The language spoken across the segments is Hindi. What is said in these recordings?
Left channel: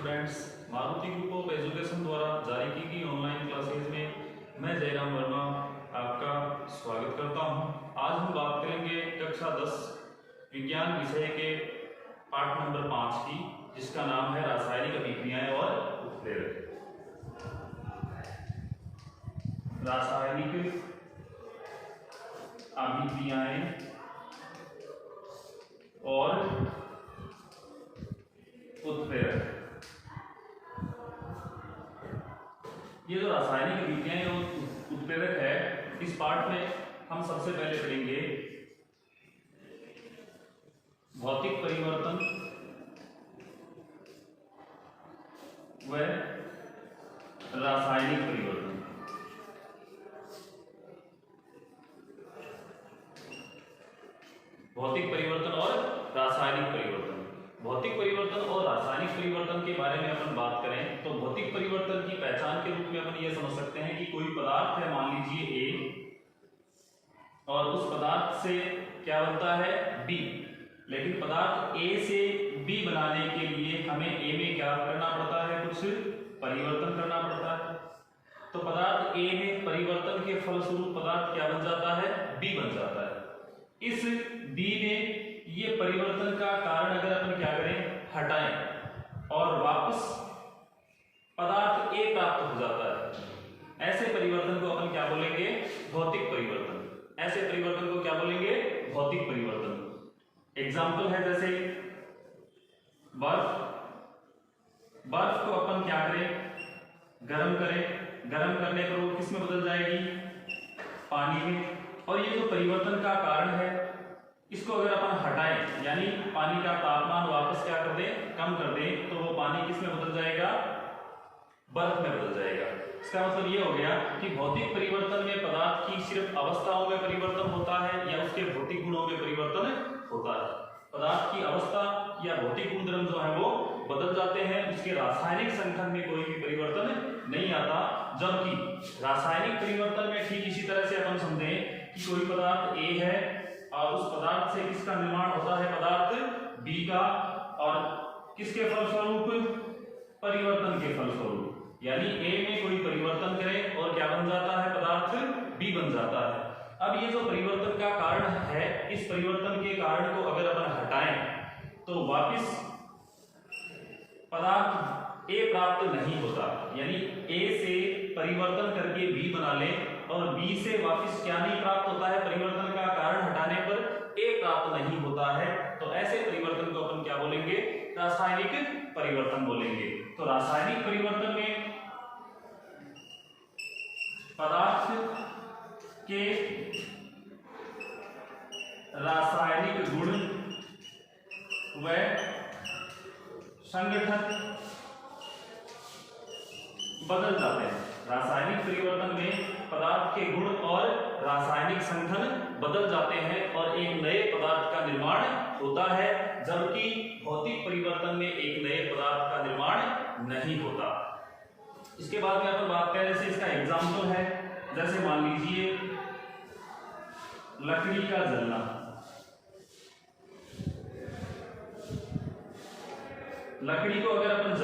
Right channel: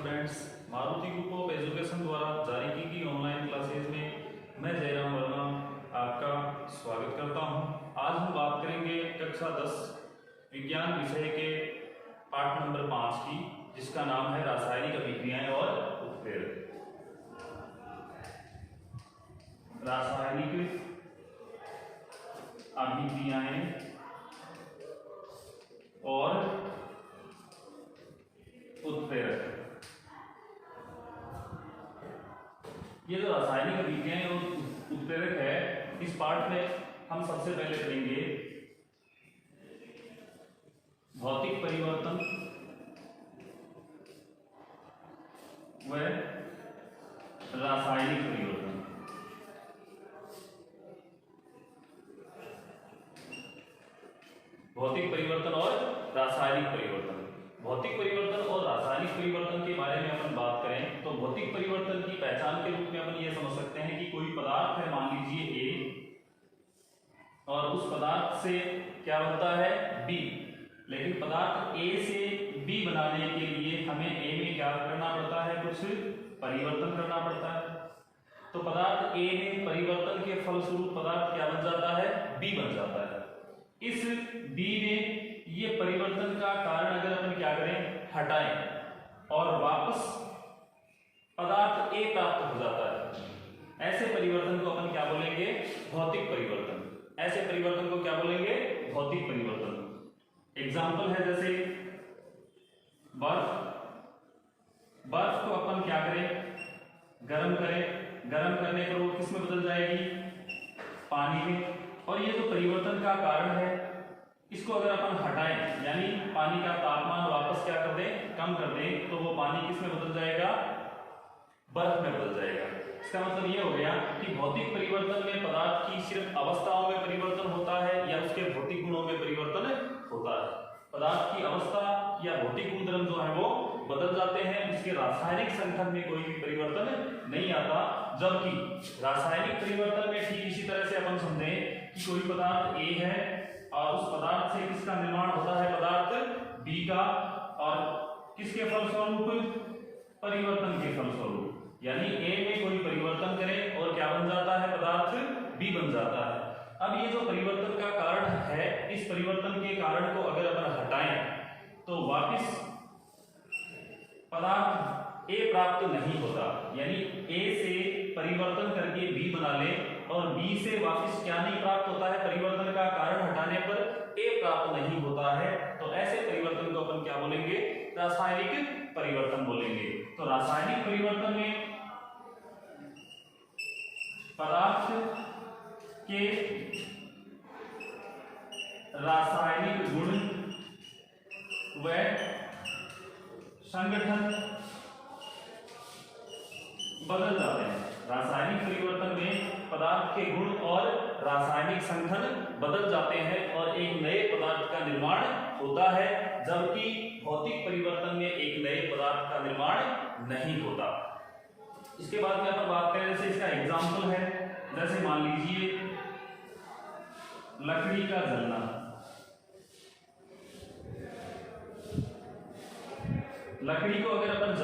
Students, Maruti group of education द्वारा जारी की गई ऑनलाइन क्लासेज में मैं जयराम वर्मा आपका स्वागत करता हूं। आज हम बात करेंगे कक्षा 10 विज्ञान विषय के पाठ नंबर 5 की, जिसका नाम है रासायनिक अभिक्रियाएं और उत्प्रेरक। रासायनिक अभिक्रियाएं और उत्प्रेरक। ये जो रासायनिक अभिक्रियाएं और उत्प्रेरक है, इस पाठ में हम सबसे पहले पढ़ेंगे भौतिक परिवर्तन व रासायनिक परिवर्तन। भौतिक परिवर्तन और रासायनिक परिवर्तन। भौतिक परिवर्तन और रासायनिक परिवर्तन के बारे में अपन बात करें तो भौतिक परिवर्तन की पहचान के रूप में अपन ये समझ सकते हैं कि कोई पदार्थ है, मान लीजिए ए, और उस पदार्थ से क्या बनता है बी, लेकिन पदार्थ ए से बी बनाने के लिए हमें ए में क्या करना पड़ता है, कुछ परिवर्तन करना पड़ता है। तो पदार्थ ए में परिवर्तन के फलस्वरूप पदार्थ क्या बन जाता है, बी बन जाता है। इस बी में ये परिवर्तन का कारण अगर अपन क्या करें, हटाएं और वापस पदार्थ ए प्राप्त हो जाता है, ऐसे परिवर्तन को अपन क्या बोलेंगे, भौतिक परिवर्तन। ऐसे परिवर्तन को क्या बोलेंगे, भौतिक परिवर्तन। एग्जाम्पल है जैसे बर्फ। बर्फ को अपन क्या करें, गर्म करें, गर्म करने पर वो किस में बदल जाएगी, पानी में। और ये जो परिवर्तन का कारण है, इसको अगर अपन हटाएं, यानी पानी का तापमान वापस क्या कर दें, कम कर दें, तो वो पानी किस में बदल जाएगा, बर्फ में बदल जाएगा। इसका मतलब ये हो गया कि भौतिक परिवर्तन में पदार्थ की सिर्फ अवस्थाओं में परिवर्तन होता है या उसके भौतिक गुणों में परिवर्तन होता है। पदार्थ की अवस्था या भौतिक गुणधर्म जो है वो बदल जाते हैं, उसके रासायनिक संगठन में कोई भी परिवर्तन नहीं आता। जबकि रासायनिक परिवर्तन में ठीक इसी तरह से अपन समझें कि कोई पदार्थ ए है और उस पदार्थ से किसका निर्माण होता है, पदार्थ बी का, और किसके फलस्वरूप, परिवर्तन के फलस्वरूप। यानी ए में कोई परिवर्तन करें और क्या बन जाता है, पदार्थ बी बन जाता है। अब ये जो परिवर्तन का कारण है, इस परिवर्तन के कारण को अगर अपन हटाएं तो वापस पदार्थ ए प्राप्त नहीं होता। यानी ए से परिवर्तन करके बी बना लें और बी से वापस क्या नहीं प्राप्त होता है, परिवर्तन का कारण हटाने पर ए प्राप्त नहीं होता है। तो ऐसे परिवर्तन को अपन क्या बोलेंगे, रासायनिक परिवर्तन बोलेंगे। तो रासायनिक परिवर्तन में पदार्थ के रासायनिक गुण व संगठन बदल जाते हैं। रासायनिक परिवर्तन में पदार्थ के गुण और रासायनिक संगठन बदल जाते हैं और एक नए पदार्थ का निर्माण होता है, जबकि भौतिक परिवर्तन में एक नए पदार्थ का निर्माण नहीं होता। इसके बाद में अपन बात करें, जैसे इसका एग्जाम्पल है, जैसे मान लीजिए लकड़ी का जलना। लकड़ी को अगर अपन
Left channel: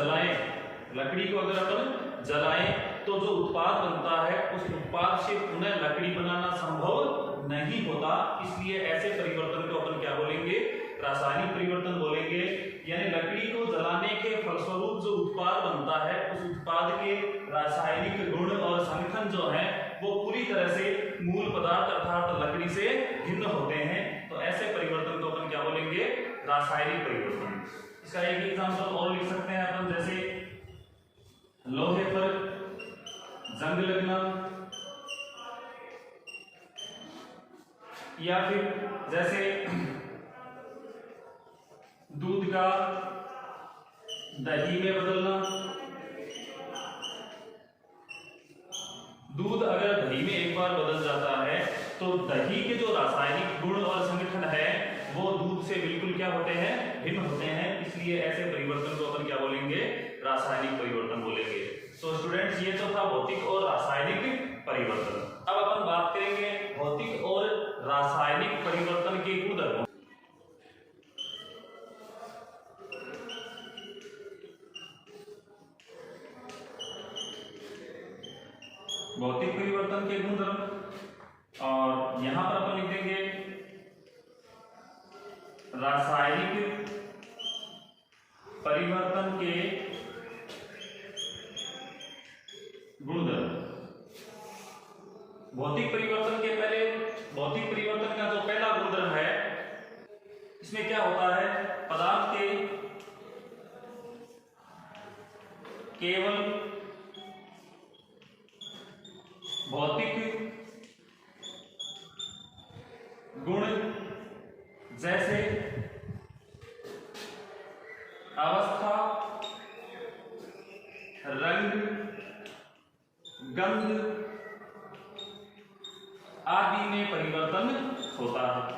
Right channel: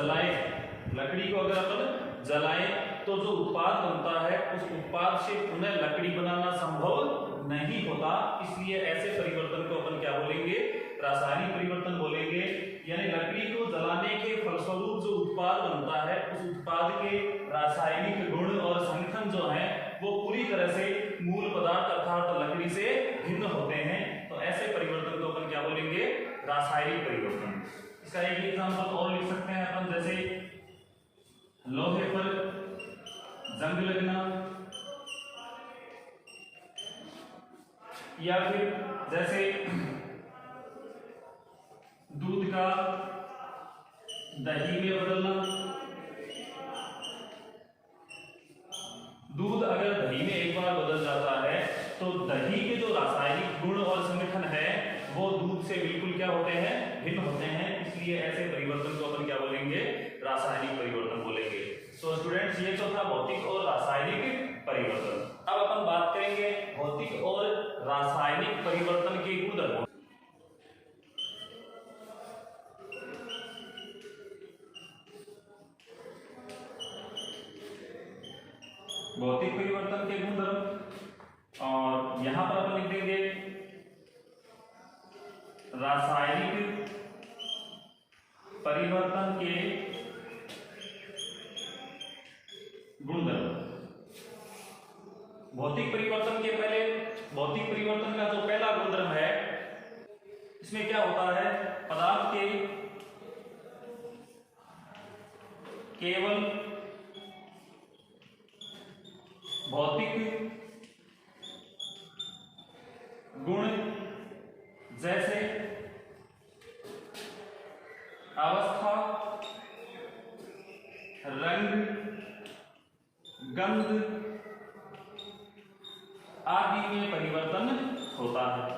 जलाएं तो जो उत्पाद बनता है, उस उत्पाद से पुनः लकड़ी बनाना संभव नहीं होता। इसलिए ऐसे परिवर्तन को अपन क्या बोलेंगे, रासायनिक परिवर्तन बोलेंगे। यानी लकड़ी को जलाने के फलस्वरूप जो उत्पाद बनता है, उस उत्पाद के रासायनिक गुण और संगठन जो है वो पूरी तरह से मूल पदार्थ अर्थात लकड़ी से भिन्न होते हैं। तो ऐसे परिवर्तन को अपन क्या बोलेंगे, रासायनिक परिवर्तन। इसका एक एग्जांपल और लिख सकते हैं अपन, जैसे लोहे पर जंग लगना, या फिर जैसे दूध का दही में बदलना। दूध अगर दही में एक बार बदल जाता है तो दही के जो रासायनिक गुण और संगठन है वो दूध से बिल्कुल क्या होते हैं, भिन्न होते हैं। इसलिए ऐसे परिवर्तन को अपन क्या बोलेंगे, रासायनिक परिवर्तन बोलेंगे। तो स्टूडेंट्स, ये तो था भौतिक और रासायनिक परिवर्तन। अब अपन बात करेंगे भौतिक और रासायनिक परिवर्तन के गुणधर्मों। भौतिक परिवर्तन के गुणधर्म, और यहां पर अपन लिख देंगे रासायनिक परिवर्तन के गुणधर्म। भौतिक परिवर्तन के पहले, भौतिक परिवर्तन का जो पहला गुणधर्म है, इसमें क्या होता है, पदार्थ के केवल भौतिक गुण जैसे अवस्था, रंग, गंध आदि में परिवर्तन होता है।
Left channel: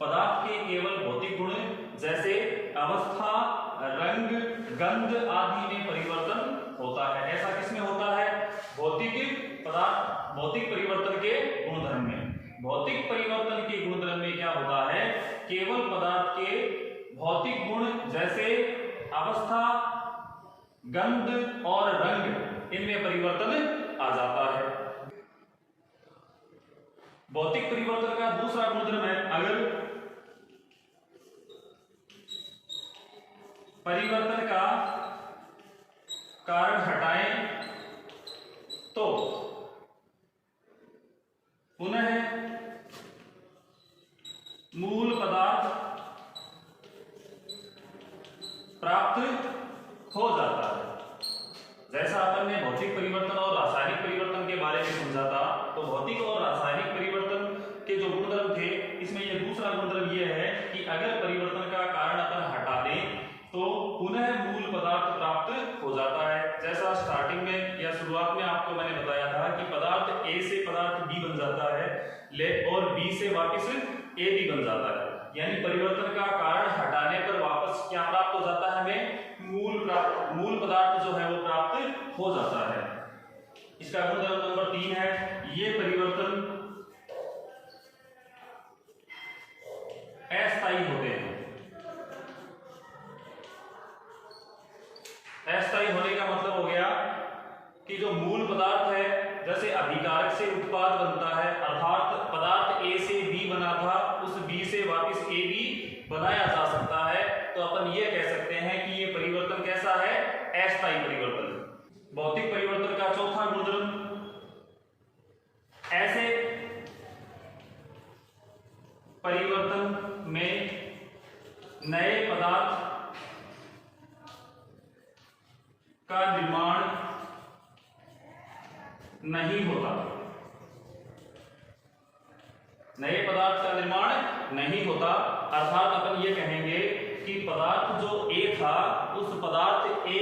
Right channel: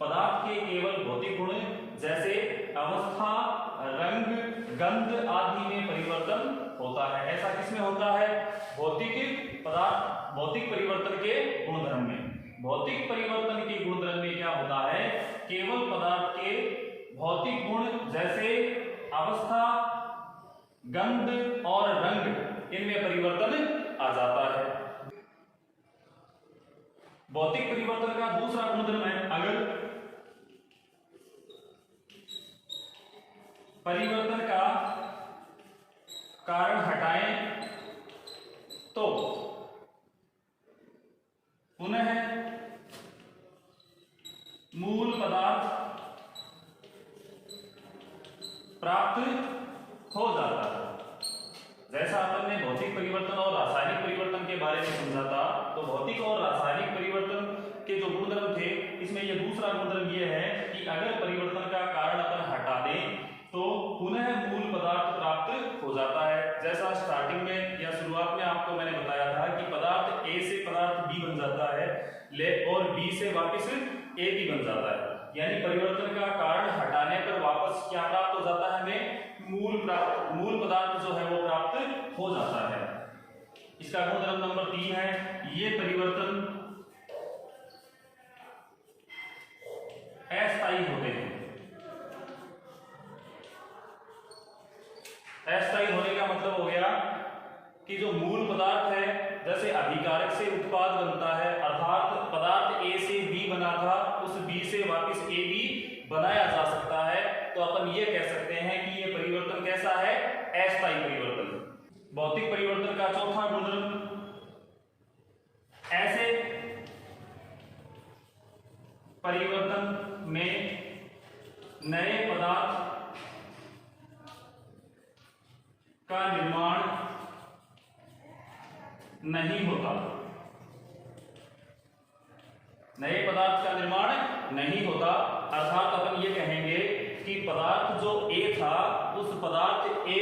पदार्थ के केवल भौतिक गुण जैसे अवस्था, रंग, गंध आदि में परिवर्तन होता है। ऐसा किसमें होता है, भौतिक पदार्थ, भौतिक परिवर्तन के गुणधर्म में। भौतिक परिवर्तन के गुणधर्म में क्या होता है, केवल पदार्थ के भौतिक गुण जैसे अवस्था, गंध और रंग, इनमें परिवर्तन आ जाता है। भौतिक परिवर्तन का दूसरा गुणधर्म है, अगर परिवर्तन का कारण हटाएं तो पुनः मूल पदार्थ प्राप्त हो जाता है। जैसा अपन ने भौतिक परिवर्तन और रासायनिक परिवर्तन के बारे में समझा था, तो भौतिक और रासायनिक परिवर्तन के जो गुणधर्म थे, इसमें यह दूसरा गुणधर्म यह है कि अगर परिवर्तन का कारण अपन हटा दें तो पुनः मूल पदार्थ प्राप्त हो जाता है। जैसा स्टार्टिंग में या शुरुआत में आपको मैंने बताया था कि पदार्थ ए से पदार्थ बी बन जाता है, और बी से वापस ए भी बन जाता है। यानी परिवर्तन का कारण हटाने पर वापस क्या प्राप्त हो जाता है, हमें मूल पदार्थ जो है वो प्राप्त हो जाता है। इसका गुणधर्म नंबर 3 है, ये परिवर्तन अस्थायी होते हैं। अस्थायी होने का मतलब हो गया कि जो मूल पदार्थ है, जैसे अभिकारक से उत्पाद बनता है, अर्थात पदार्थ ए से बी बना था, उस बी से वापस ए भी बनाया जा सकता है। तो अपन ये कह सकते हैं कि ये परिवर्तन कैसा है, अस्थायी परिवर्तन। भौतिक परिवर्तन का चौथा गुणधर्म, ऐसे परिवर्तन में नए पदार्थ का निर्माण नहीं होता। नए पदार्थ का निर्माण नहीं होता, अर्थात अपन ये कहेंगे कि पदार्थ जो ए था, उस पदार्थ ए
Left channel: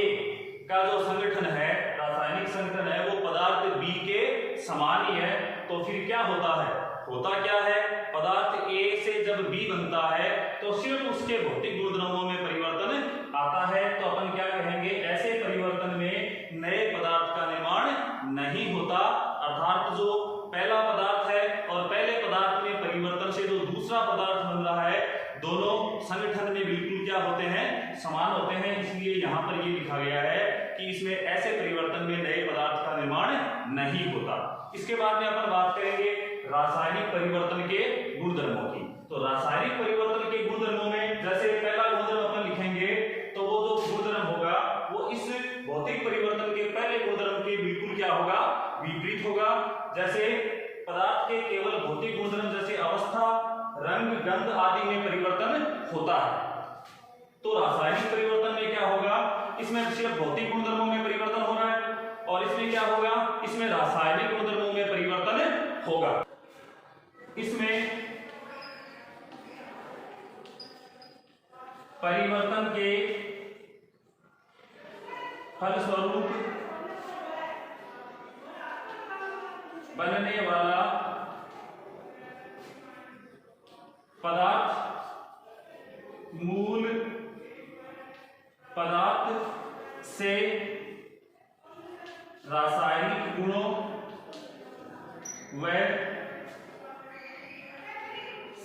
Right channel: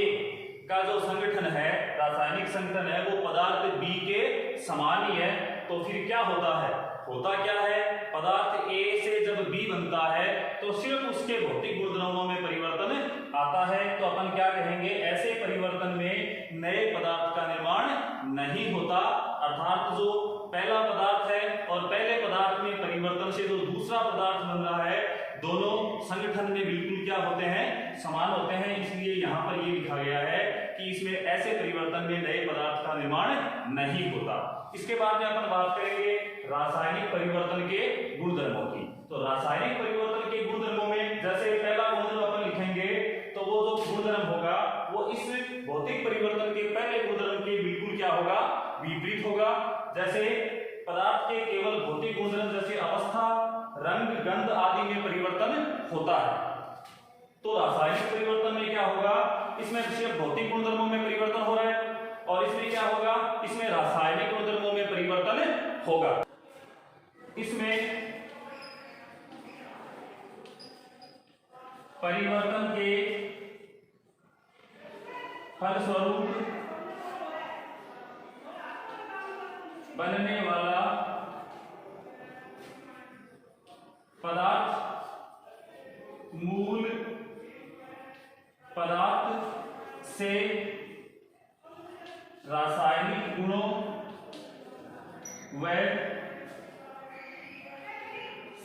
का जो संगठन है, रासायनिक संगठन है, वो पदार्थ बी के समान ही है। तो फिर क्या होता है, होता क्या है, पदार्थ ए से जब बी बनता है तो सिर्फ उसके भौतिक गुणधर्मों में परिवर्तन आता है। तो अपन क्या कहेंगे, ऐसे परिवर्तन में नए पदार्थ का निर्माण नहीं होता, अर्थात जो पहला पदार्थ है और पहले पदार्थ में परिवर्तन से जो दूसरा पदार्थ बन रहा है, दोनों संगठन में बिल्कुल क्या होते हैं, समान होते हैं। इसलिए यहां पर ये लिखा गया है कि इसमें ऐसे परिवर्तन में नए पदार्थ का निर्माण नहीं होता। इसके बाद में अपन बात करेंगे रासायनिक परिवर्तन के गुणधर्मों की। तो रासायनिक परिवर्तन के गुणधर्मों में जैसे पहला गुणधर्म अपन लिखेंगे, तो वो जो गुणधर्म होगा वो इस भौतिक परिवर्तन के पहले गुणधर्म के बिल्कुल क्या होगा, विपरीत होगा। जैसे पदार्थ के केवल भौतिक गुणधर्म जैसे अवस्था, रंग, गंध आदि में परिवर्तन होता है, तो रासायनिक परिवर्तन में क्या होगा, इसमें सिर्फ भौतिक गुणधर्मों में परिवर्तन हो रहा है, और इसमें क्या होगा, इसमें रासायनिक गुणधर्मों में परिवर्तन होगा। इसमें परिवर्तन के फलस्वरूप बनने वाला पदार्थ मूल पदार्थ से रासायनिक गुणों व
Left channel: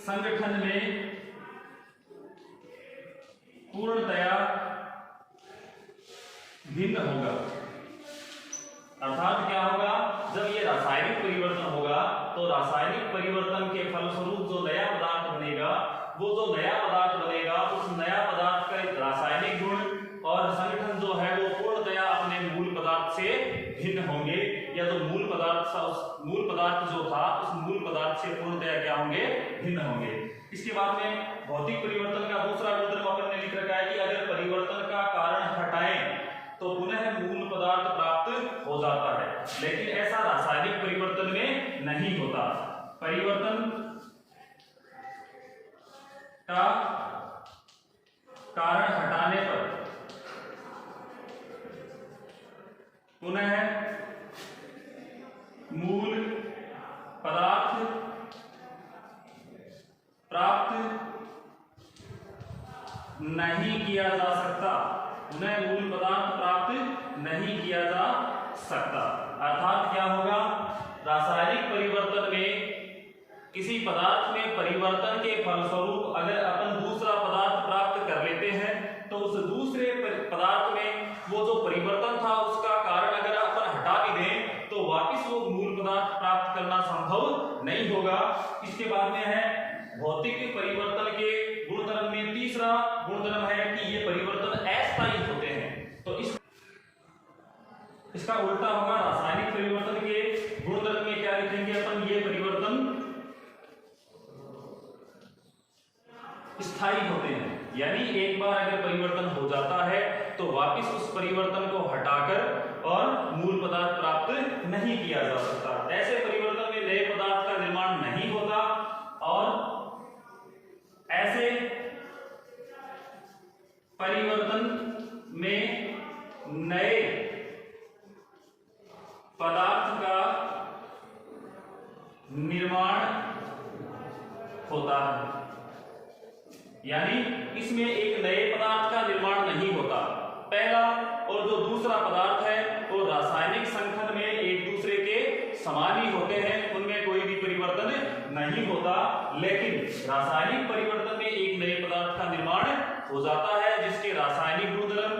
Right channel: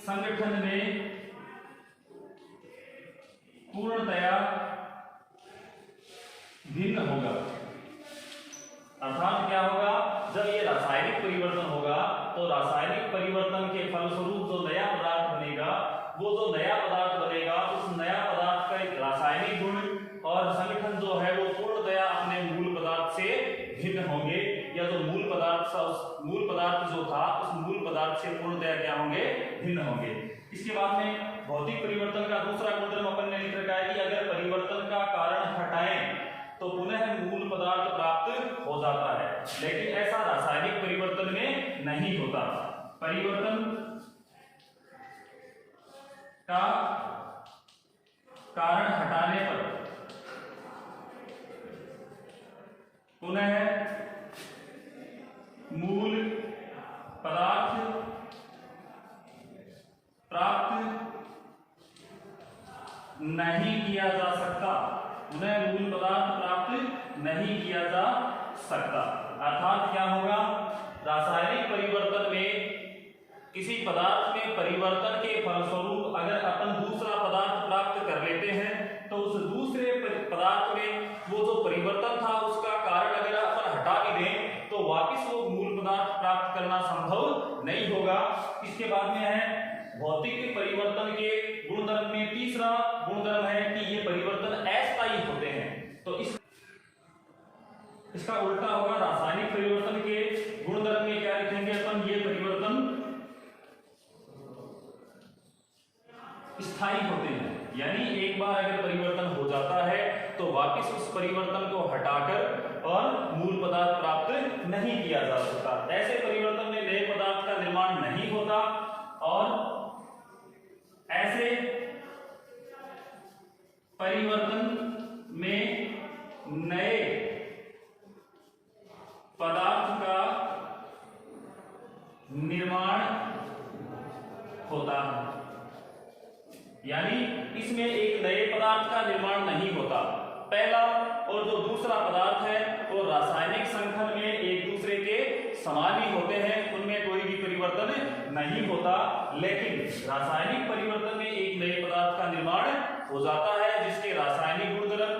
संगठन में पूर्णतया भिन्न होगा। अर्थात अर्थात क्या होगा, जब ये रासायनिक परिवर्तन होगा तो रासायनिक परिवर्तन के फलस्वरूप जो नया पदार्थ बनेगा, वो जो नया पदार्थ बनेगा उस नया पदार्थ का एक रासायनिक गुण और संगठन जो है वो पूर्णतया अपने मूल पदार्थ से भिन्न होंगे, या जो मूल पदार्थ था उस मूल पदार्थ जो था उस मूल पदार्थ से पूर्णतया क्या होंगे, भिन्न होंगे। इसके बाद में भौतिक परिवर्तन का दूसरा गुणधर्म अपन ने लिख रखा है कि अगर परिवर्तन का कारण हटाएं तो पुनः मूल पदार्थ प्राप्त हो जाता है, लेकिन ऐसा रासायनिक परिवर्तन में नहीं होता। परिवर्तन का कारण हटाने पर पुनः मूल पदार्थ प्राप्त नहीं किया जा सकता, पुनः मूल पदार्थ प्राप्त नहीं किया जा सकता। अर्थात क्या होगा, रासायनिक परिवर्तन में किसी पदार्थ में परिवर्तन के फलस्वरूप अगर अपन दूसरा पदार्थ प्राप्त कर लेते हैं तो उस दूसरे पदार्थ में वो जो परिवर्तन था उसका कारण अगर अपन हटा भी दें तो वापस वो मूल पदार्थ प्राप्त करना संभव नहीं होगा। इसके बाद में है भौतिक परिवर्तन के गुणधर्म में तीसरा गुणधर्म है कि ये परिवर्तन अस्थायी होते हैं। तो इसका उल्टा होगा, रासायनिक परिवर्तन के गुणधर्म में क्या लिखेंगे अपन, ये परिवर्तन स्थायी होते हैं, यानी एक बार अगर परिवर्तन हो जाता है तो वापस उस परिवर्तन को हटाकर और मूल पदार्थ प्राप्त नहीं किया जा सकता। ऐसे परिवर्तन में नए पदार्थ का निर्माण नहीं होता और ऐसे परिवर्तन में नए पदार्थ का निर्माण होता है, यानी इसमें एक नए पदार्थ का निर्माण नहीं होता। पहला और जो दूसरा पदार्थ है वो रासायनिक संगठन में एक दूसरे के समान ही होते हैं, उनमें कोई भी परिवर्तन नहीं होता, लेकिन रासायनिक परिवर्तन में एक नए पदार्थ का निर्माण हो जाता है जिसके रासायनिक गुणधर्म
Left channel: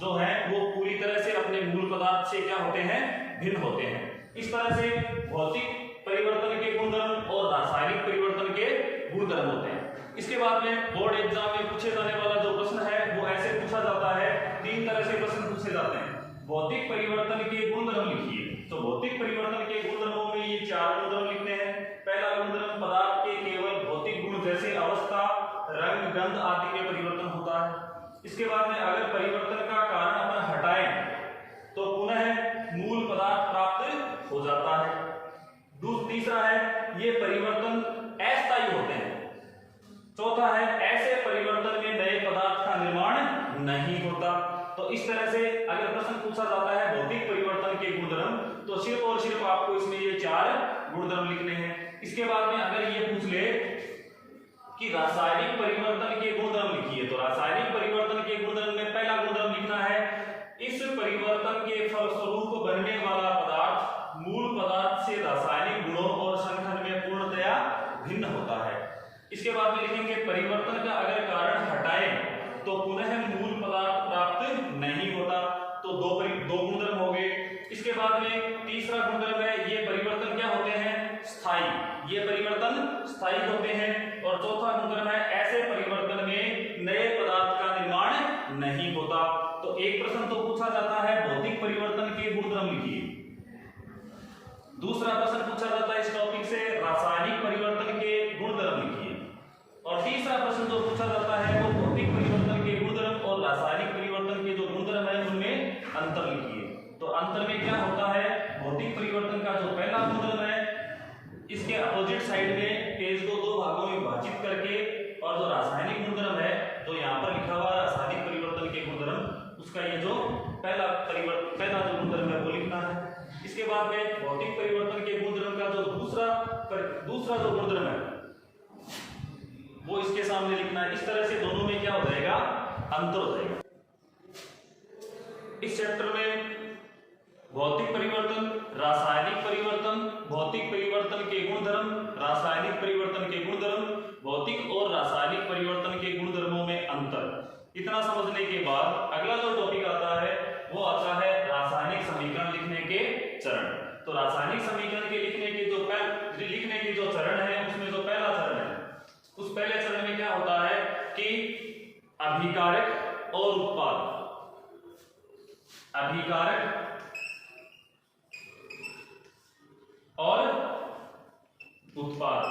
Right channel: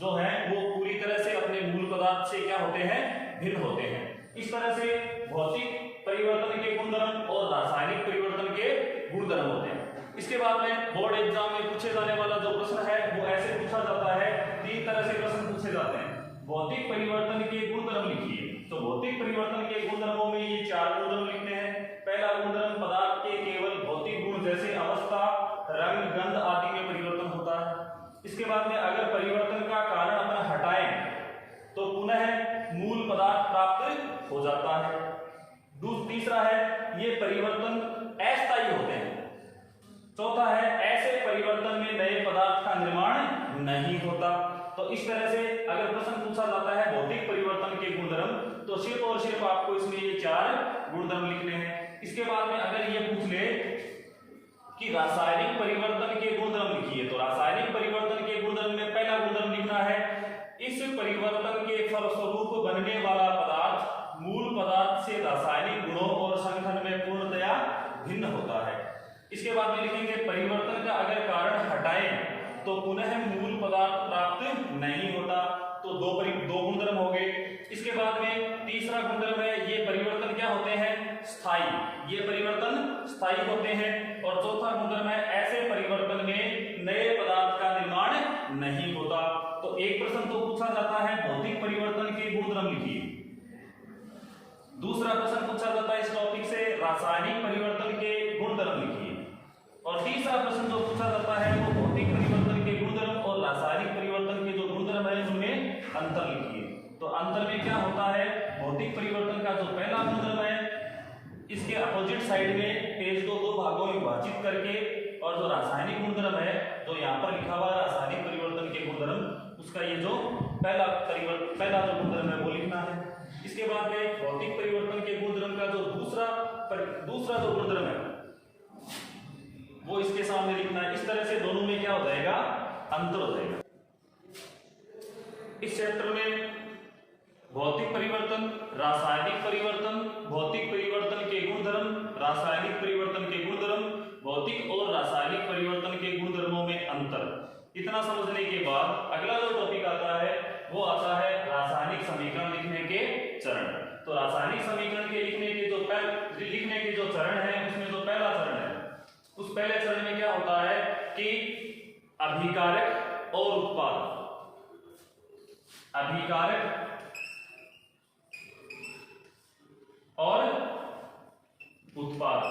जो है वो पूरी तरह से अपने मूल पदार्थ से क्या होते हैं, भिन्न होते हैं। इस तरह से भौतिक परिवर्तन के गुणधर्म और रासायनिक परिवर्तन के गुणधर्म होते हैं। इसके बाद में बोर्ड एग्जाम में पूछे जाने वाला जो प्रश्न है वो ऐसे पूछा जाता है, तीन तरह से प्रश्न पूछे जाते हैं। भौतिक परिवर्तन के गुणधर्म लिखिए, तो भौतिक परिवर्तन के गुणधर्मों में ये चार गुणधर्म लिखते हैं। पहला गुणधर्म, पदार्थ के केवल भौतिक गुण जैसे अवस्था, रंग, गंध आदि में परिवर्तन होता है। इसके बाद में अगर परिवर्तन का कारण अपन हटाएं तो पुनः मूल पदार्थ प्राप्त हो जाता है। तीसरा है ये परिवर्तन अस्थायी होते हैं। चौथा है ऐसे परिवर्तन में नए पदार्थ का निर्माण नहीं होता। तो इस तरह से अगर प्रश्न पूछा जाता है भौतिक परिवर्तन के गुणधर्म तो सिर्फ और सिर्फ आपको इसमें ये चार गुणधर्म लिखने हैं। इसके बाद में अगर ये पूछ ले कि रासायनिक परिवर्तन के गुणधर्म लिखिए, तो रासायनिक परिवर्तन के गुणधर्म में पहला गुणधर्म लिखना है, इस परिवर्तन के फलस्वरूप बनने वाला पदार्थ मूल पदार्थ से रासायनिक गुणों और संगठन में पूर्णतया भिन्न होता है। इसके बाद में लिखेंगे परिवर्तन का अगर कारण हटाएं तो पुनः मूल पदार्थ प्राप्त नहीं होता। तो दो गुणधर्म हो गए। इसके बाद में तीसरा गुणधर्म है ये परिवर्तन क्या होते हैं, स्थायी, ये परिवर्तन स्थायी होते हैं। और चौथा गुणधर्म है ऐसे परिवर्तन में नए पदार्थ का निर्माण नहीं होता। तो एक प्रश्न तो पूछा जाता है भौतिक परिवर्तन के गुणधर्म लिखिए, दूसरा प्रश्न पूछा जाता है इस टॉपिक से रासायनिक परिवर्तन के गुणधर्म लिखिए, और तीसरा प्रश्न जो पूछा जाता है वो भौतिक परिवर्तन के गुणधर्म और रासायनिक परिवर्तन के जो गुणधर्म है उनमें अंतर लिखिए। तो अंतर में क्या होता है, भौतिक परिवर्तन का जो पहला गुणधर्म है इसके अपोजिट साइड में पेज को दो भागों में विभाजित करके, और जो रासायनिक गुणधर्म है जो यहाँ पर लिखा हुआ रासायनिक परिवर्तन के गुणधर्म, उसका ये जो पहला जो गुणधर्म है वो लिखना है। इसके बाद में भौतिक परिवर्तन के गुणधर्म का जो दूसरा जो गुणधर्म है वो इसके सामने लिखना है। इस तरह से दोनों में क्या हो जाएगा, अंतर हो जाएगा। इस चैप्टर में भौतिक परिवर्तन, रासायनिक परिवर्तन, भौतिक परिवर्तन के गुणधर्म, रासायनिक परिवर्तन के गुणधर्म, भौतिक और रासायनिक परिवर्तन के गुणधर्मों में अंतर, इतना समझने के बाद अगला जो टॉपिक आता है वो आता है रासायनिक समीकरण लिखने के चरण। तो रासायनिक समीकरण के लिखने के जो चरण है, उसमें जो पहला चरण है, उस पहले चरण में क्या होता है कि अभिकारक और उत्पाद, अभिकारक और उत्पाद।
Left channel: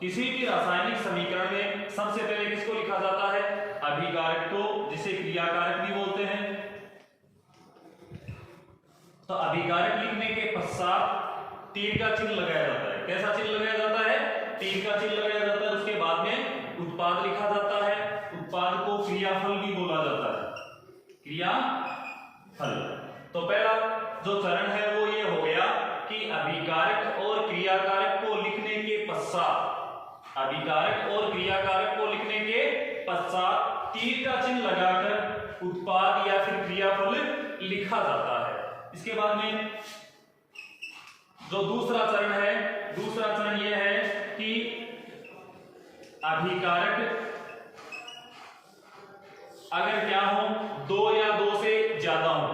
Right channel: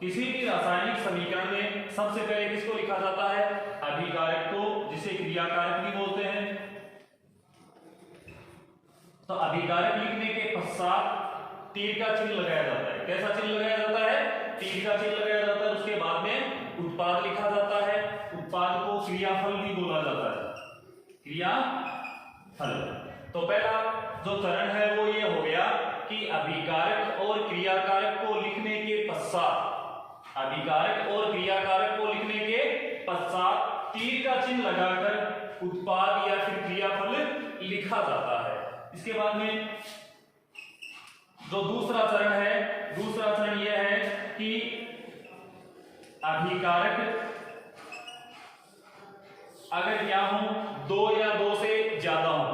किसी भी रासायनिक समीकरण में सबसे पहले किसको लिखा जाता है? अभिकारक को, जिसे क्रियाकारक भी बोलते हैं। तो अभिकारक लिखने के पश्चात तीर का चिन्ह लगाया जाता है। कैसा चिन्ह लगाया जाता है? तीर का चिन्ह लगाया जाता है। उसके बाद में उत्पाद लिखा जाता है। उत्पाद को क्रियाफल भी बोला जाता है, क्रियाफल। तो पहला जो चरण है वो ये हो गया कि अभिकारक और क्रियाकारक को लिखने के पश्चात, अभिकारक और क्रियाकारक को लिखने के पश्चात तीर का चिन्ह लगाकर उत्पाद या फिर क्रियाफल लिखा जाता है। इसके बाद में जो दूसरा चरण है, दूसरा चरण यह है कि अभिकारक अगर क्या हो, 2 या 2 से ज्यादा हो,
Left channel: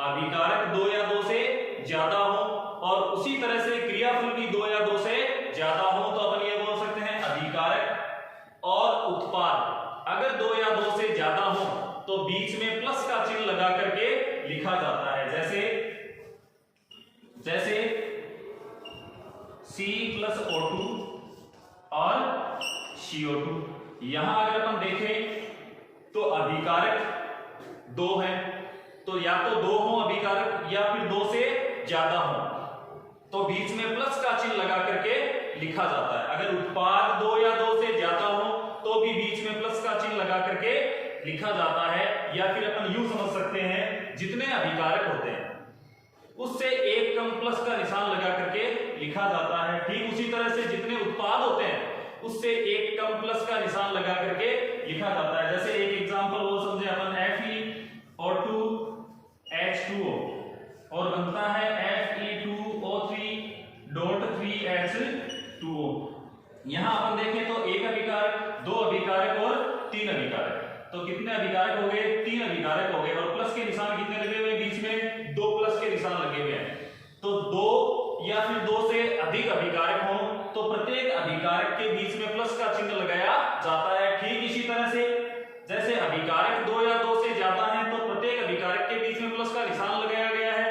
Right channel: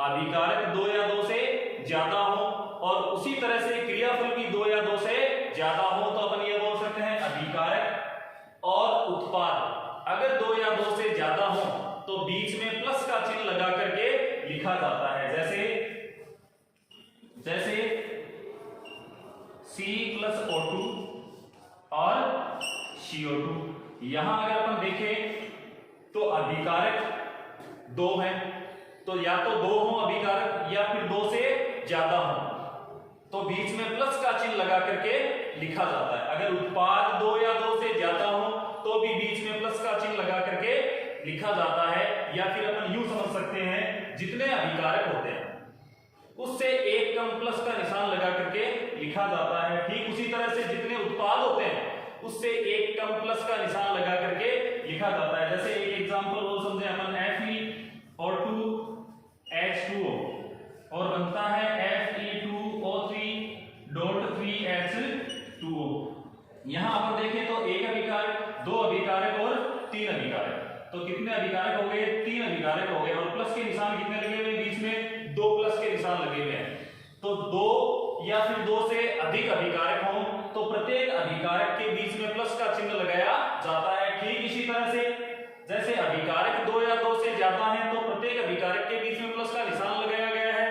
अभिकारक 2 या 2 से ज्यादा हो, और उसी तरह से क्रियाफल भी 2 या 2 से ज्यादा हो, तो अपन ये बोल सकते हैं अभिकारक और उत्पाद अगर 2 या 2 से ज्यादा हो तो बीच में प्लस का चिन्ह लगा करके लिखा जाता है। जैसे C+O2 और CO2। यहां अगर अपन देखें तो अभिकारक 2 है, तो या तो 2 हो अभिकारक या फिर 2 से ज्यादा हो, तो बीच में प्लस का चिन्ह लगा करके लिखा जाता है। अगर उत्पाद 2 या 2 से ज्यादा हो तो भी बीच में प्लस का चिन्ह लगा करके लिखा जाता है। या फिर अपन यूं समझ सकते हैं, जितने अभिकारक होते हैं उससे एक कम प्लस का निशान लगा करके लिखा जाता है। ठीक उसी तरह से जितने उत्पाद होते हैं उससे एक कम प्लस का निशान लगा करके लिखा जाता है। जैसे एक एग्जांपल वो समझे अपन, Fe(O2H2O) और बनता है Fe2O3.3H2O। यहां अपन देखें तो एक अभिकारक, 2 अभिकारक और 3 अभिकारक। तो कितने अभिकारक हो गए? 3 अभिकारक हो गए। और प्लस के निशान कितने लगे हुए? बीच में 2 प्लस के निशान लगे हुए हैं। तो 2 या फिर 2 से अधिक अभिकारक हो तो प्रत्येक अभिकारक के बीच में प्लस का चिन्ह लगाया जाता है। ठीक इसी तरह से जैसे अभिकारक 2 या 2 से ज्यादा है तो प्रत्येक अभिकारक के बीच में प्लस का निशान लगाया गया है,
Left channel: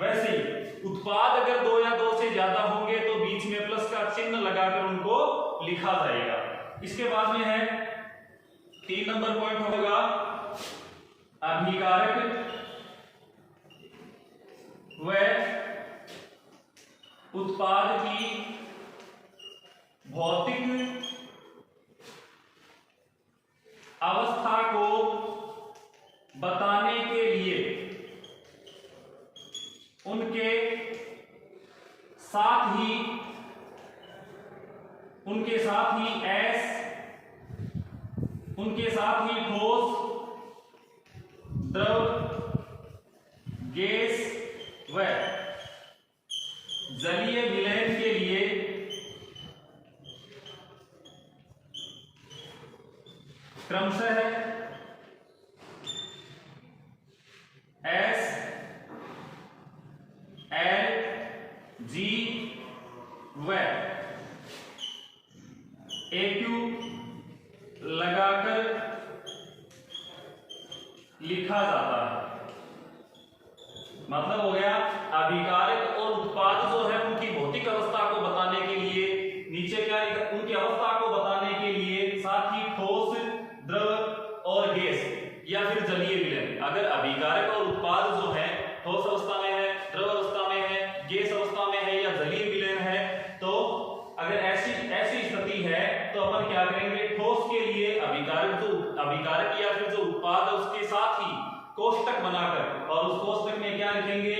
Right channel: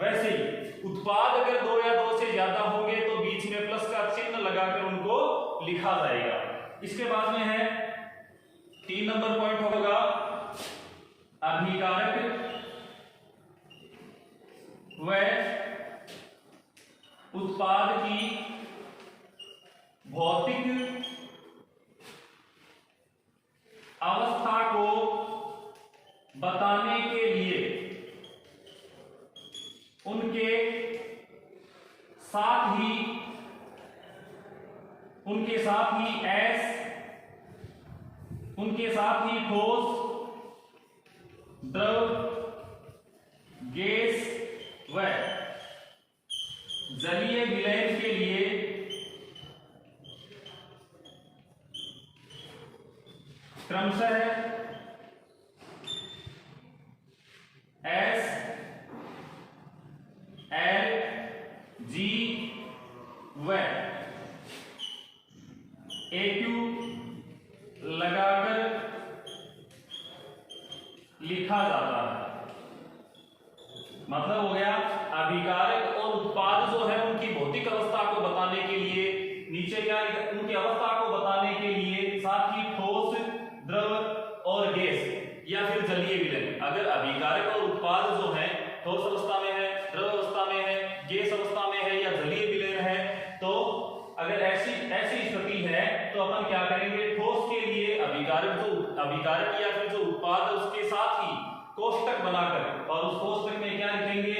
वैसे ही उत्पाद अगर 2 या 2 से ज्यादा होंगे तो बीच में प्लस का चिन्ह लगाकर उनको लिखा जाएगा। इसके बाद में है 3 नंबर पॉइंट होगा अभिकारक व उत्पाद की भौतिक अवस्था को बताने के लिए उनके साथ ही ठोस, द्रव, गैस व जलीय विलयन के लिए क्रमशः S, L, G व AQ लगाकर लिखा जाता है। मतलब हो गया अभिकारक और उत्पाद जो है उनकी भौतिक अवस्था को बताने के लिए नीचे क्या लिखा, उनकी अवस्था को बताने के लिए साथ ही ठोस, द्रव और गैस या फिर जलीय विलयन। अगर अभिकारक और उत्पाद जो है ठोस अवस्था में है, द्रव अवस्था में है, गैस अवस्था में है या जलीय विलयन है, तो अगर ऐसी स्थिति है तो अपन क्या करेंगे, ठोस के लिए अभिकारक या फिर जो उत्पाद है उसके साथ ही कोष्टक बनाकर, और उस कोष्टक में क्या लिखेंगे,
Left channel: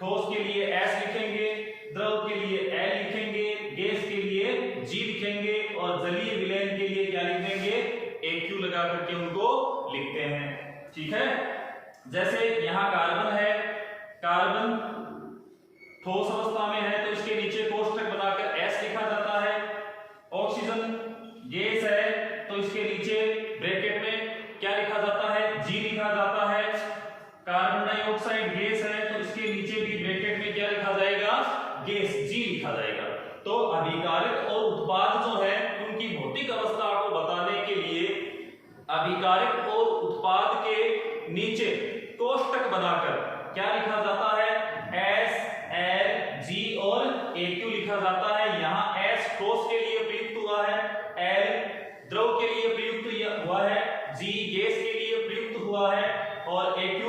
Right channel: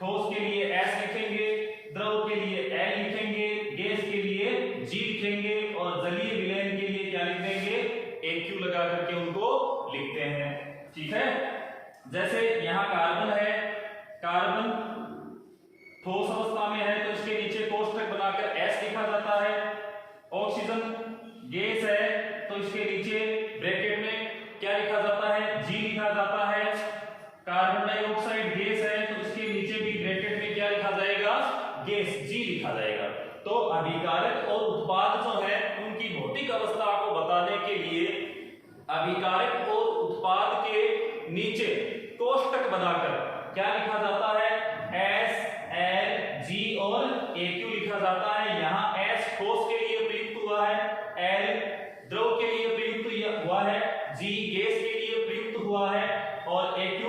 ठोस के लिए S लिखेंगे, द्रव के लिए L लिखेंगे, गैस के लिए G लिखेंगे और जलीय विलयन के लिए क्या लिख देंगे, AQ लगा करके उनको लिखते हैं। ठीक है। जैसे यहां कार्बन है, कार्बन ठोस अवस्था में है तो इसके नीचे कोष्टक बनाकर S लिखा जाता है। ऑक्सीजन गैस है तो इसके नीचे ब्रैकेट में क्या लिखा जाता है, G लिखा जाता है। कार्बन डाइऑक्साइड अभिकारक और उत्पाद के नीचे कोष्टक बनाकर क्या लिखा जाता है, एस, एल, जी और AQ लिखा जाता है। यहाँ एस ठोस के लिए प्रयुक्त हुआ है, एल द्रव के लिए प्रयुक्त हुआ है, जी गैस के लिए प्रयुक्त हुआ है और AQ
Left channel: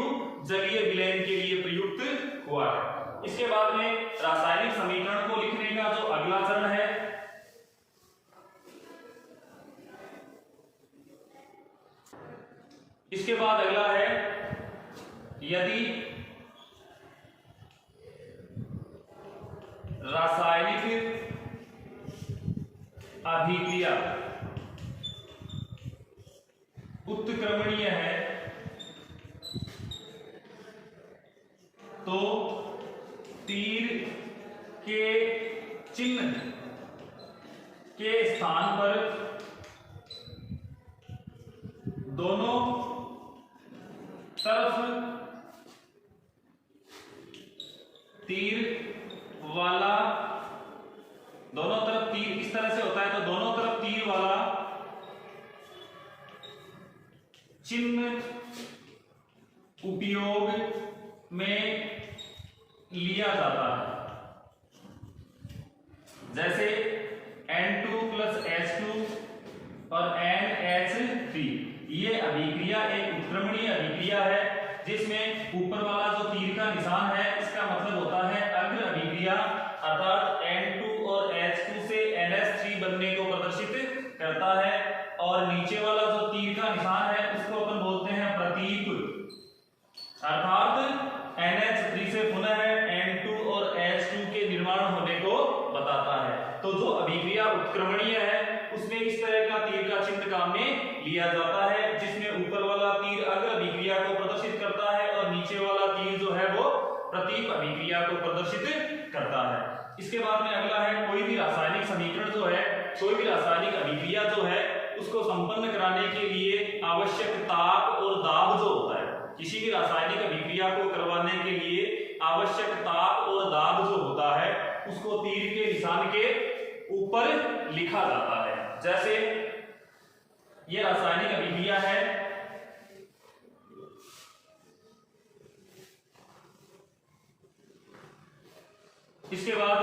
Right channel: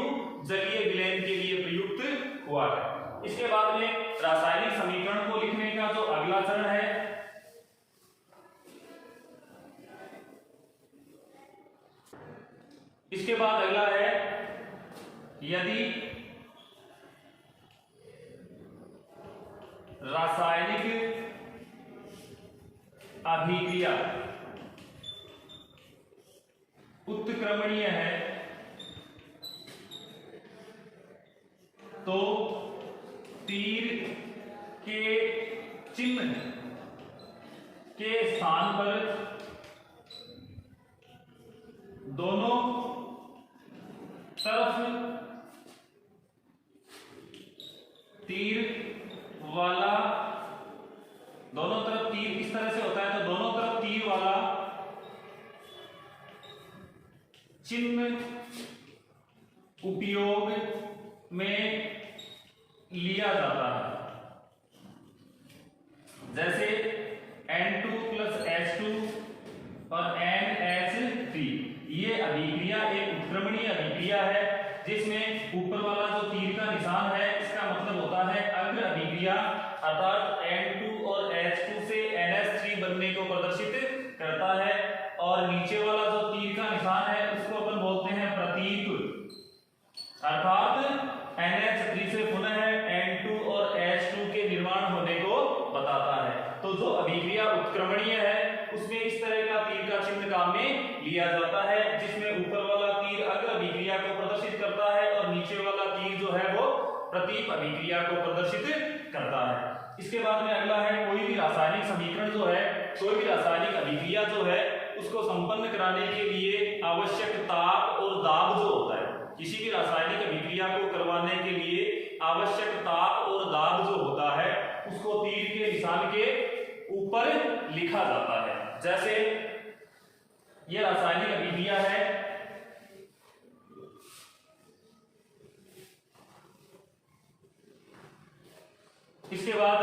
जलीय विलयन के लिए प्रयुक्त हुआ है। इसके बाद में रासायनिक समीकरण को लिखने का जो अगला चरण है, इसके बाद अगला है यदि रासायनिक अभिक्रिया उत्क्रमणीय है तो तीर के चिन्ह के स्थान पर दोनों तरफ तीर वाला, दोनों तरफ तीर इस तरह से होता है तो दोनों तरफ तीर वाला चिन्ह उपयोग में लिया जाता है। जैसे N2 + H2 और NH3, ये अभिक्रिया एक उत्क्रमणीय अभिक्रिया है जिसमें ऊपर वाला जो तीर का निशान है इसका मतलब होता है अग्र अभिक्रिया, अर्थात N2 और H2 से NH3 बनने को प्रदर्शित करता है और नीचे वाला जो तीर का निशान है उसको अपन बोलते हैं प्रतीक, अर्थात NH3 से पुनः N2 और H2 के निर्माण होने को बताता है। तो जो अभिक्रिया उत्क्रमणीय है उसमें इस तरह का तीर का चिन्ह काम में लिया जाता है जिसमें ऊपर वाला तीर अग्र अभिक्रिया को प्रदर्शित करता है और नीचे वाला तीर जो है वो प्रतीक अभिक्रिया को प्रदर्शित करता है। इसके बाद में अगला है कोई भी रासायनिक समीकरण जो है, कोई भी रासायनिक अभिक्रिया जो है उसको संपन्न कराने के लिए आवश्यक ताप और दाब जो होता है, किसी भी रासायनिक अभिक्रिया को करवाने के लिए आवश्यक ताप और दाब जो होता है उसको तीर के निशान के ऊपर लिखा जाता है। जैसे ये रासायनिक अभिक्रिया है, इसके बाद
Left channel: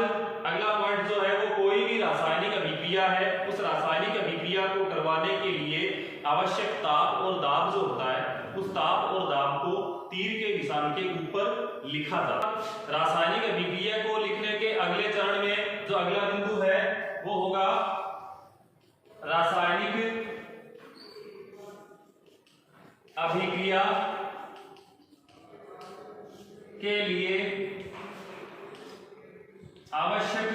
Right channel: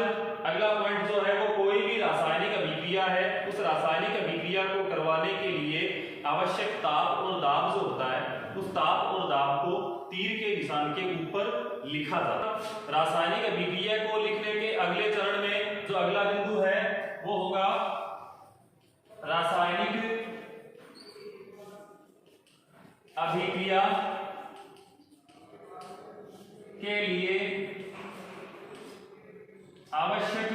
अगला पॉइंट जो है वो कोई भी रासायनिक अभिक्रिया है उस रासायनिक अभिक्रिया को करवाने के लिए आवश्यक ताप और दाब जो होता है उस ताप और दाब को तीर के निशान के ऊपर लिखा जाता है। रासायनिक अभिक्रिया को लिखने के अगले चरण में जो अगला बिंदु है वो होगा रासायनिक अभिक्रिया के लिए आवश्यक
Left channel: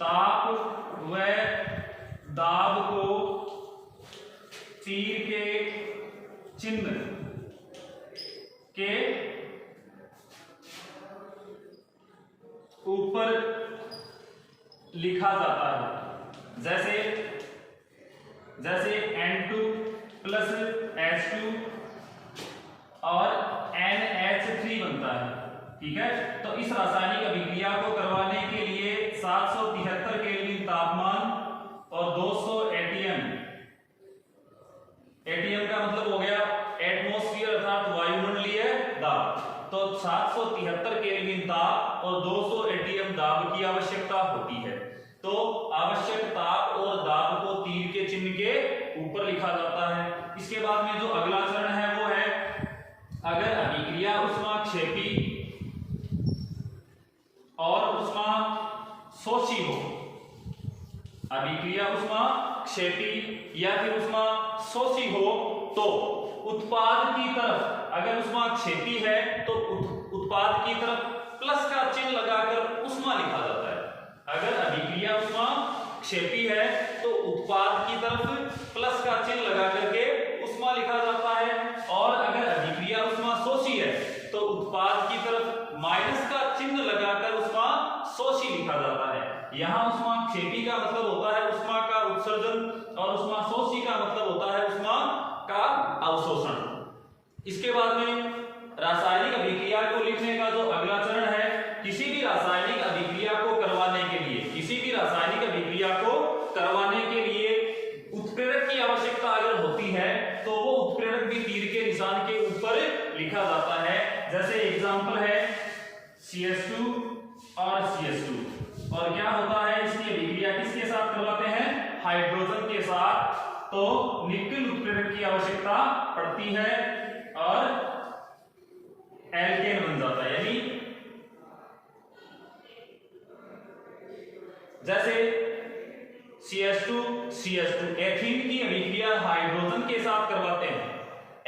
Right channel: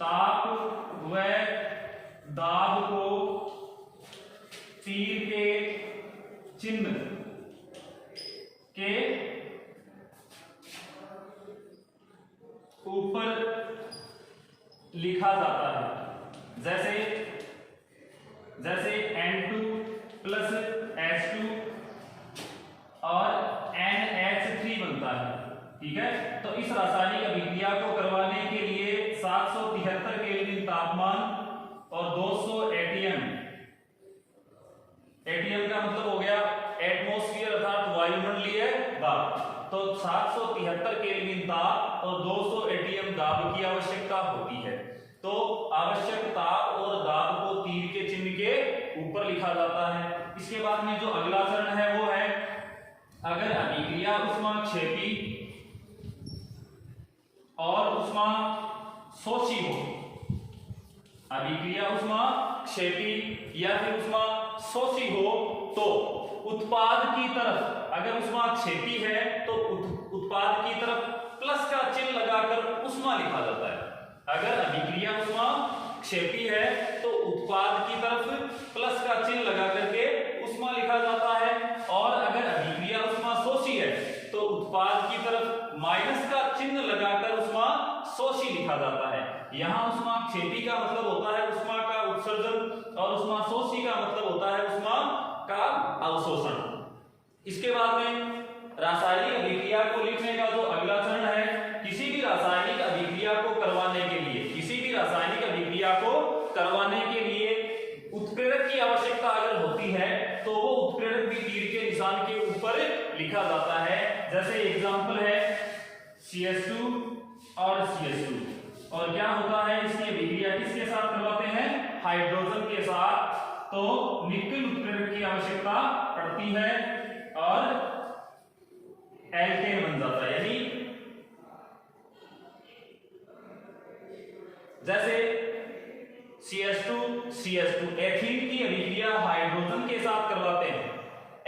ताप व दाब को तीर के चिन्ह के ऊपर लिखा जाता है। जैसे N2 + H2 और NH3 बनता है, ठीक है। तो इस रासायनिक अभिक्रिया को करवाने के लिए 773 केल्विन तापमान और 200 ATM, ATM का मतलब हो गया एटमॉस्फेयर अर्थात वायुमंडलीय दाब, तो 773 केल्विन ताप और 200 ATM दाब की आवश्यकता होती है। तो आवश्यक ताप और दाब को तीर के चिन्ह के ऊपर लिखा जाता है। इसके बाद में जो अगला चरण है वो है अगर अभिक्रिया ऊष्माक्षेपी और ऊष्मा शोषी हो, अभिक्रिया ऊष्माक्षेपी या फिर ऊष्मा शोषी हो तो उत्पाद की तरफ, अगर ऊष्माक्षेपी है तो उत्पाद की तरफ प्लस का चिन्ह लगाकर ऊष्मा लिखा जाता है। अगर अभिक्रिया ऊष्माक्षेपी है तो उत्पाद की तरफ प्लस का चिन्ह लगा करके ऊष्मा लिखा जाता है और अगर अभिक्रिया ऊष्मा शोषी है तो उत्पाद की तरफ माइनस का चिन्ह लगाकर ऊष्मा शोषी लिखा जाता है। यहाँ ऊष्माक्षेपी का मतलब होता है ऊष्मा का उत्सर्जन और ऊष्मा शोषी का मतलब होता है ऊष्मा का अवशोषण। इसके बाद में रासायनिक अभिक्रिया को लिखने का जो अगला चरण है, किसी भी रासायनिक अभिक्रिया को करवाने के लिए, किसी भी रासायनिक अभिक्रिया को करवाने के लिए उत्प्रेरक उत्प्रेरक भी तीर के निशान के ऊपर लिखा जाता है। जैसे एग्जांपल है CS2 और CS2। और क्या होता है, इसकी अभिक्रिया किसके साथ करवाते हैं, हाइड्रोजन के साथ। तो निकल उत्प्रेरक की आवश्यकता पड़ती है और एल्केन बन जाता है। यानी जैसे CS2 एथीन की अभिक्रिया हाइड्रोजन के साथ करवाते हैं,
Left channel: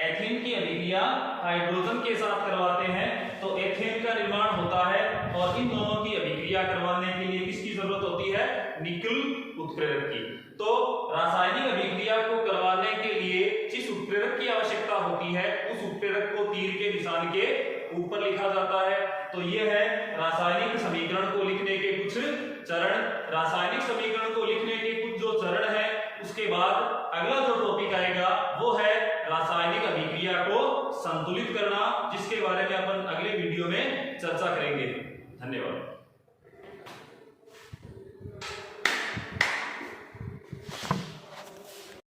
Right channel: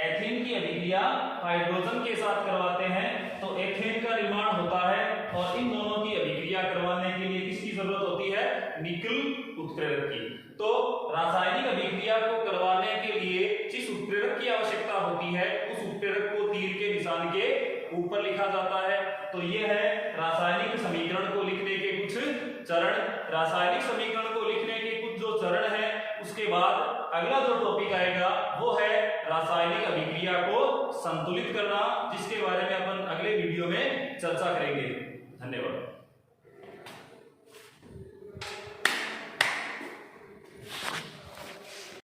एथीन की अभिक्रिया हाइड्रोजन के साथ करवाते हैं तो एथेन का निर्माण होता है। और इन दोनों की अभिक्रिया करवाने के लिए किसकी जरूरत होती है, निकल उत्प्रेरक की। तो रासायनिक अभिक्रिया को करवाने के लिए जिस उत्प्रेरक की आवश्यकता होती है उस उत्प्रेरक को तीर के निशान के ऊपर लिखा जाता है। तो ये है रासायनिक समीकरण को लिखने के कुछ चरण। रासायनिक समीकरण को लिखने के कुछ जो चरण है, उसके बाद अगला जो टॉपिक आएगा वो है रासायनिक अभिक्रिया को संतुलित करना, जिसके बारे में अपन अगले वीडियो में चर्चा करेंगे। धन्यवाद।